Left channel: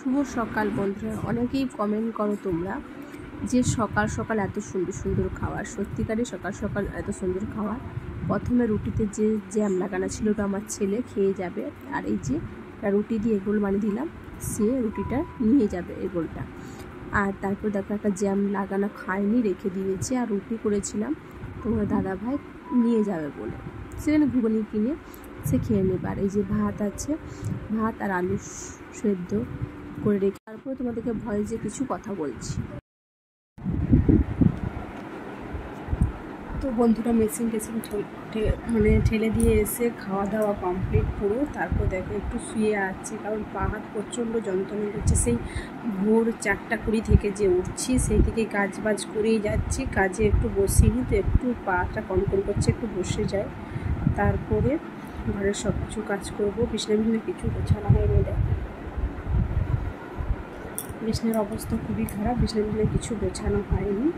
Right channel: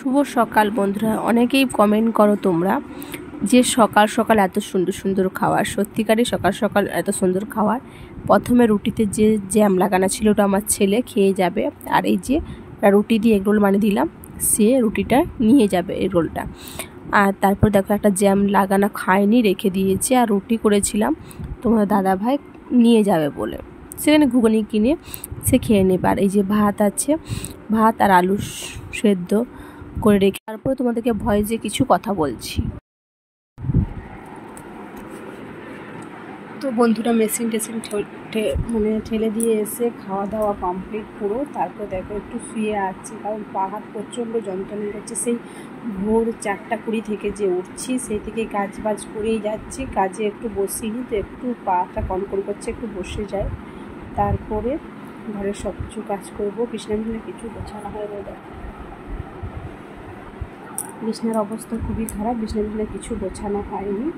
শুভ সকাল বন্ধুরা। অনেকেই কমেন্ট করো তোমরা যে সকাল সকাল এত সুন্দর সুন্দর খাবার, সত্যিকারই সকাল সকাল এত সুন্দর খাবার। প্রথমে রুটিতে যে জ্যাম লাগানো ছিল ওটা আমার ছেলে খেয়ে যাবে, আর এই যে রুটি দিয়ে এগরোল বানিয়ে দিলাম, সে রুটিটা নিয়ে যাবে এগরোলটা। আর তারপর দেখো একটা জ্যাম লাগানো খায়নি, রেখে দিয়েছে। আর রুটি করেছিলাম তোমার দাদা ভাই নিয়ে যাবে বলে, সেখানে ঘুগনি কিনে সে খেয়ে নেবে। আর এই যে ভাত আছে, ভাত আর আলু সেদ্ধ করে রেখে তারপরে তোমাদেরকে ভয়েসে কিছু কথা বলছি। তো বন্ধুরা মেশিন ঠেলে দিয়ে এসে খাওয়া দাওয়া কমপ্লিট পুরো। তারপর দেখো একটু শুয়ে আছি, কারণ পা হাত প্রচণ্ড যন্ত্রণা করছে। সেই ভোর 4:20 থেকে যে উঠছি, সেই থেকে কাজ বাজ করেই যাচ্ছি, কাজে একটু বসিনি, তো একটু পাটা কনকন করছে, একটু বসে যাই। তারপরে ঘরের সব কিছু কাজ করবো। বিছানা কিছু গোছানো হয়নি, দেখো বিছানার অবস্থা খুবই খারাপ, বিছানা কিছু গোছানো হয়নি।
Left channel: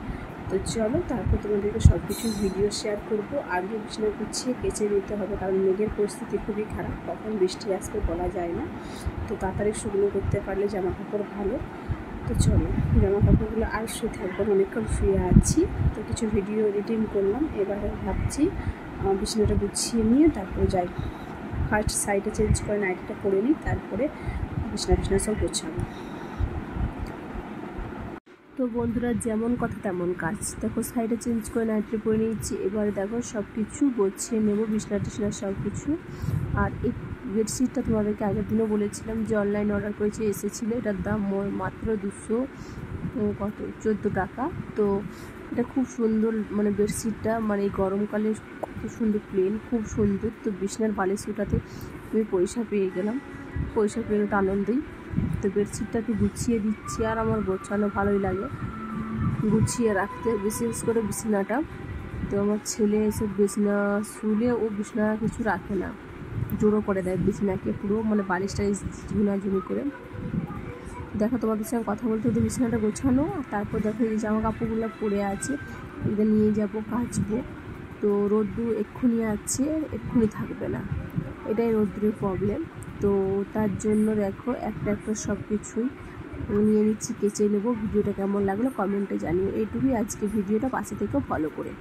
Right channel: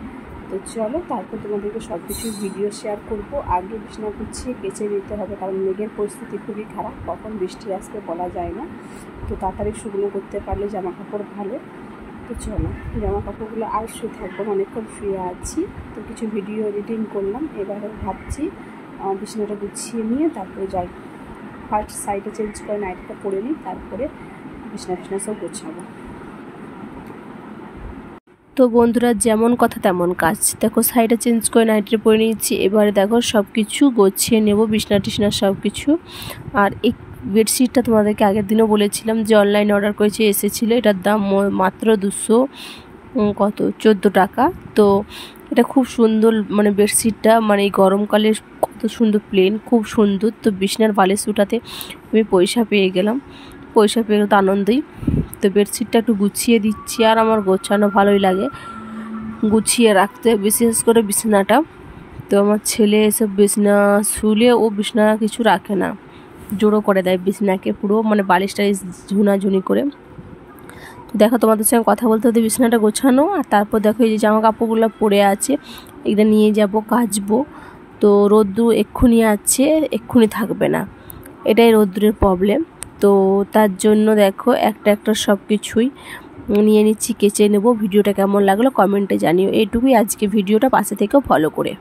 তো চলো তারপর তোমাদেরকে সব কিছু ভিডিও শেয়ার করব। আগে বিছানা গুছিয়ে কেচে নিতে হবে, কারণ মেঘের পরিস্থিতি খুবই খারাপ, কখন বৃষ্টি আসবে বলা যায় না। তো তাড়াতাড়ি শুকনো করতে পারলে জামা কাপড় ভালো। তো চলো জামা কাপড়গুলো আর শুয়ে থাকবো, অনেকক্ষণ শুয়ে আছি। তো কিছু ভিডিও এডিটিং করলাম, এবারে ভাবছি বিছানাটা গুছিয়ে নিয়ে তারপরে যাই। ফার্স্ট সাইডে চেঞ্জ করে নাইটিটা পরে নিই, তারপরে বিছানা সব গোছাবো। তো বন্ধুরা যেমন কথা তেমন কাজ। দেখো সাইডে চেঞ্জ করে নাইটে পরে নিয়েছি, এবারে দেখো সব কিছু গুছিয়ে নেব, বিছনা টিছনা সব কিছু। আর এই বেডশিটটা তোমাদেরকে আগের দিনও বলেছিলাম যে অনলাইনে অর্ডার করেছে, এসেছিলো। এটার দাম মাত্র 14 টাকা। তো এটা খুব সুন্দর, মানে বেডশিটটা মানে এই গরমকালে কত সুন্দর প্লেন, খুব সুন্দর। তো বিছনার বালিশ উঠাতে আমি পয়সা পেয়ে গেলাম, পয়সা পেয়ে তো আনন্দই। তো বেডশিটটা একটু গুছিয়ে দিচ্ছি, আর আমার গোছানো ভালোই লাগে গুছিয়ে রাখতে, বিশেষ করে বিছানাটা। তো আমার ছেলে এসব বিছানা শুলে ও বিছানা কিছু রাখে না, জোড়ো করে দেয় বিছানাকে পুরো, মানে বালিশটা ঝুনাঝুনি করে। তো দেখো তোমাদের সঙ্গে কথা বলতে হতে বিছানাটা গোছানো। আর তারপর দেখো এই যে জামা কাপড়গুলো পরে আছে, এটা নিয়ে যাব কাচবো। তো রোদ্দুর এক্ষুনি আছে, এক্ষুনি থাকবে না, এটাই রোদ্দুরের প্রবলেম। তো তার জন্য দেখো একটা সব কিছুই নিয়ে নিচ্ছি, কেচে নেব। ভিডিওটা কেমন লাগলো কমেন্টে জানিও। এইটুকুই আজকে ভিডিওটা, পাশে থেকেও ফলো করে।